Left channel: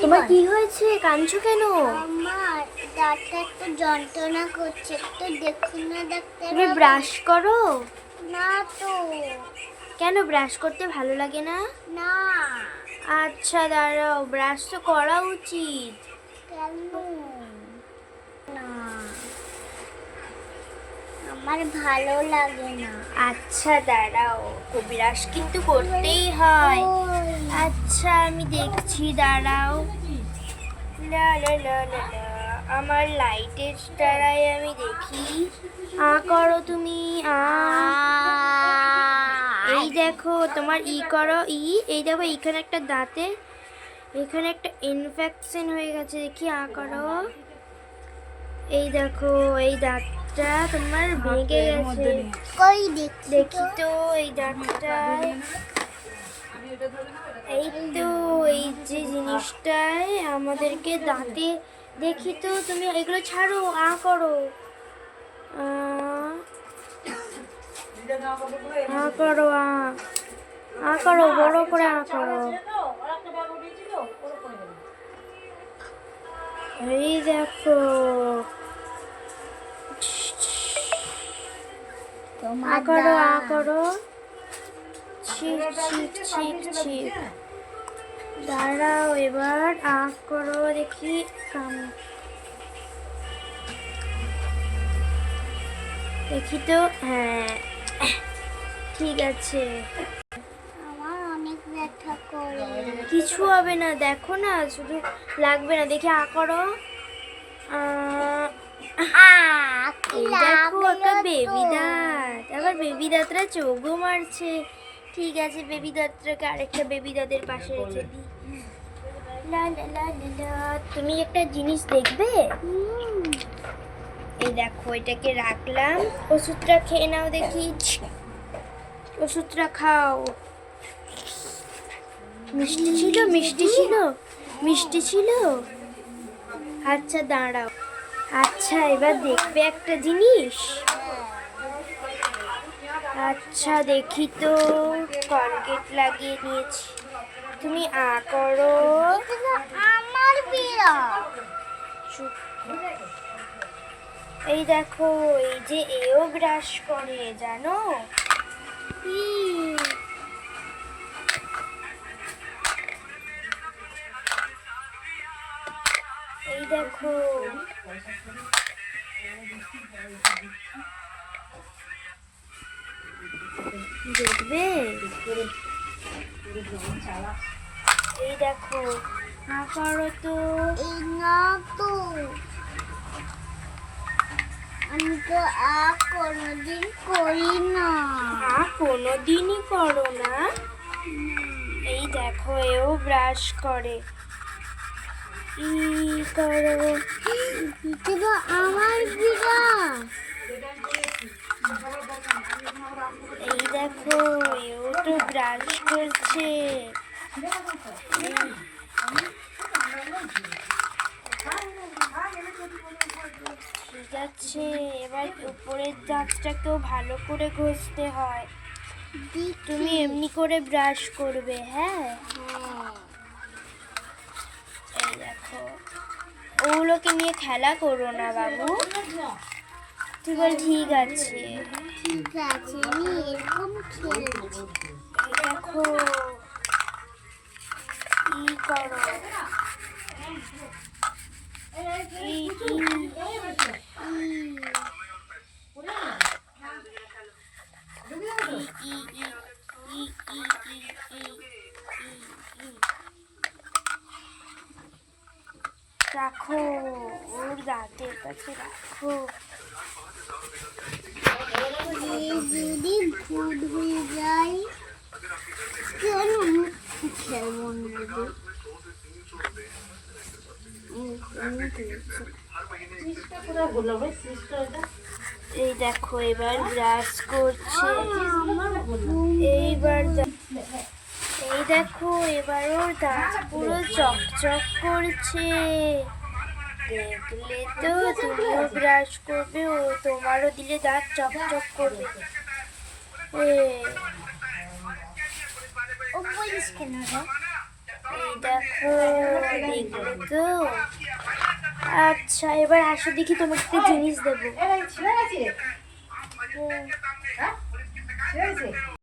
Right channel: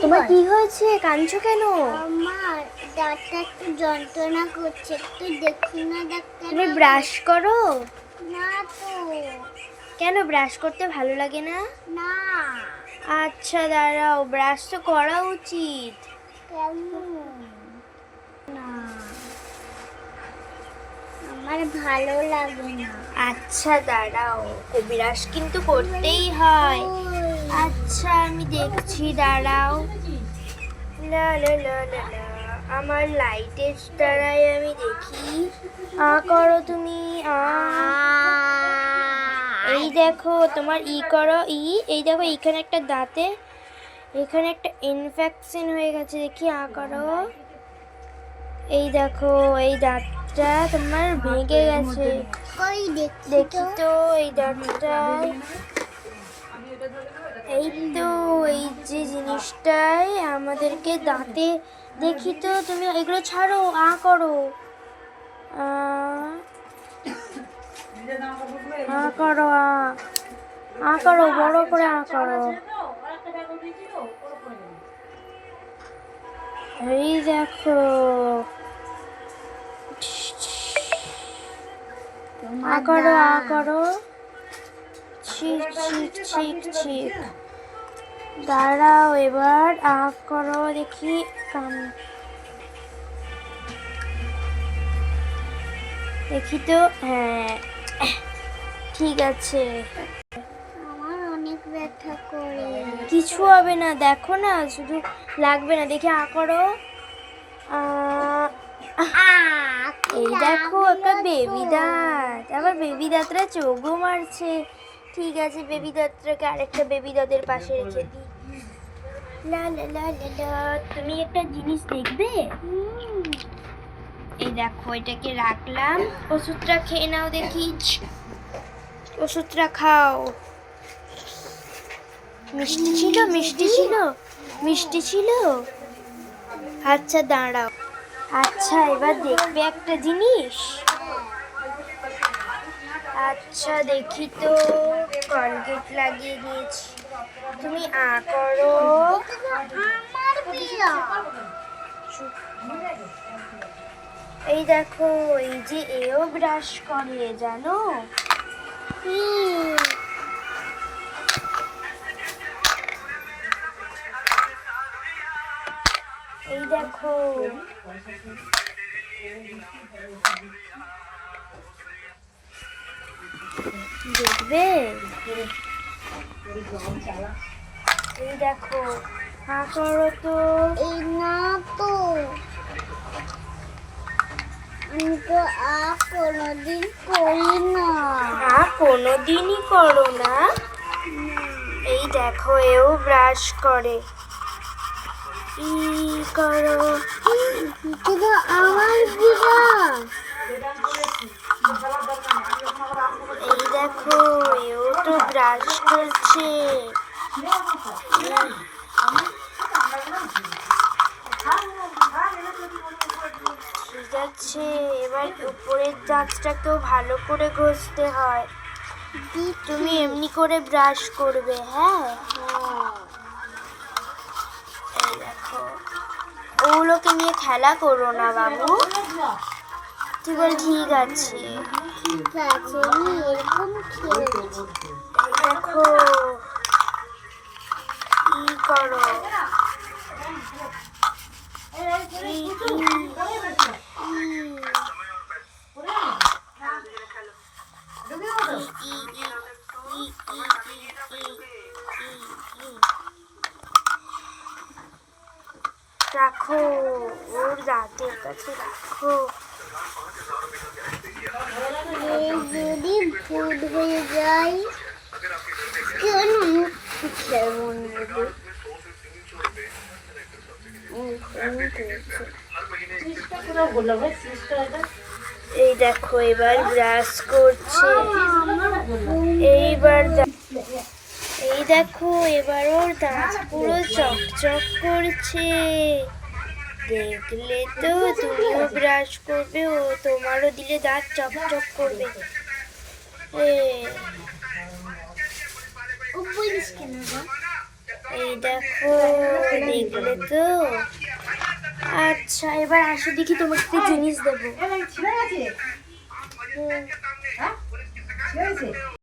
তোমার কি হয়েছে? কাঁদছো কেন? আমার দাঁতটা একটু যন্ত্রণা করছে, একটু দেখুন না ডাক্তার তুমি বাবু। ব্রাশ করো? না তো। কেন ব্রাশ করতে ভালো লাগে না? না। আচ্ছা দাঁড়াও, ব্রাশ তো করা উচিত। কেন? না, আমার ভালো লাগে না। আচ্ছা দাঁড়াও, ব্রাশ কিন্তু করতেই হয়। আচ্ছা আমি দেখছি, দাঁড়াও। লা লা লা লা লা, আমার লাইটের দ্বারাই আমি দেখি। করো তুমি। এই দেখো তোমার করো। এই দেখো এইখানে একটা দাঁতে, এখানে একটা ইনফেকশন হয়ে গেছে, দেখি করো। এই দেখো এই দাঁতটা তোমার ভেঙে গেছে। কই দেখি তো এই দাঁতটায়। এই তো এই যে জিনিসটাই আমাদেরকে দাঁতে, দেখি তো তুমি এগুলো ছাড়ো, করো। করো করো, বড় করে করো। এই দেখো করো করো। Six six six six. দাঁড়াও এবার করো, দেখি। দেখি তো, হ্যাঁ ঠিক আছে। আমার অনেক ব্যথা করে। কিছু হবে না, দেখো না, শুধু লাগবে না, দেখি করো। এই দেখো একটা বেবি দাঁত, আবার বেবি দাঁতরা চোখও মারছে। ঠিক আছে, বেবি দাঁতটাকে আরেকটা বেবি দাঁতের পাশে রেখে দিই। লা লা লা লা লা, তুমি একটা জিনিস দেখবে? এই দেখো এটাকে রাখলাম, ওষুধটা খেয়ে নাও দেখি। ওষুধটা খাও। মিষ্টি ছিল, মিষ্টি ছিল, মিষ্টি ছিল। আচ্ছা দাঁড়াও। আচ্ছা এবার দেখবে একটা জিনিস। আচ্ছা দেখি তো, কলগেট লাগিয়ে দিয়েছি, তুমি করো। আমার প্রিয়। এই দেখো এই যে এও ব্রাশ করে, জানো? এই দেখো দেখবে? এই দেখো করো তো। এই না তো, আমি তো কোনোদিন করি না। কোনোদিনই করো না? এই দেখো এও ব্রাশ করে। করো। কিন্তু আমার বিরাট। এই দেখো এও তো ব্রাশ করছে। ঠিক আছে, এবার উপরের দাঁতটাকেও ভালো করে ঘষতে হয়। তুমি এমনি করে ব্রাশ করবে, হ্যাঁ? এই দেখো, ওগুলোকে নিয়ে খেলা করো না বাবু। তুই বল ঠিক আছে। ঠিক আছে, আমি এরকম খেলছি। এই দেখো করো। রাখো, ওর দাঁতের কাছে রাখো। যদি ভুল হয়ে যায়, কেন খেলবো না? এই দেখো এবার ব্রাশ করছে। এইবার এই দেখো এবার ওর দাঁত পুরো চকচক করছে। দেখলে তো, তুমিও ব্রাশ করবে, ও তোমারও দিলে দাঁত চকচক করবে। ও বলিস কেন রে? এই দেখো, দেখলে তো? আচ্ছা, এবার আসো দেখি তোমাকে একটা জিনিস দেবো।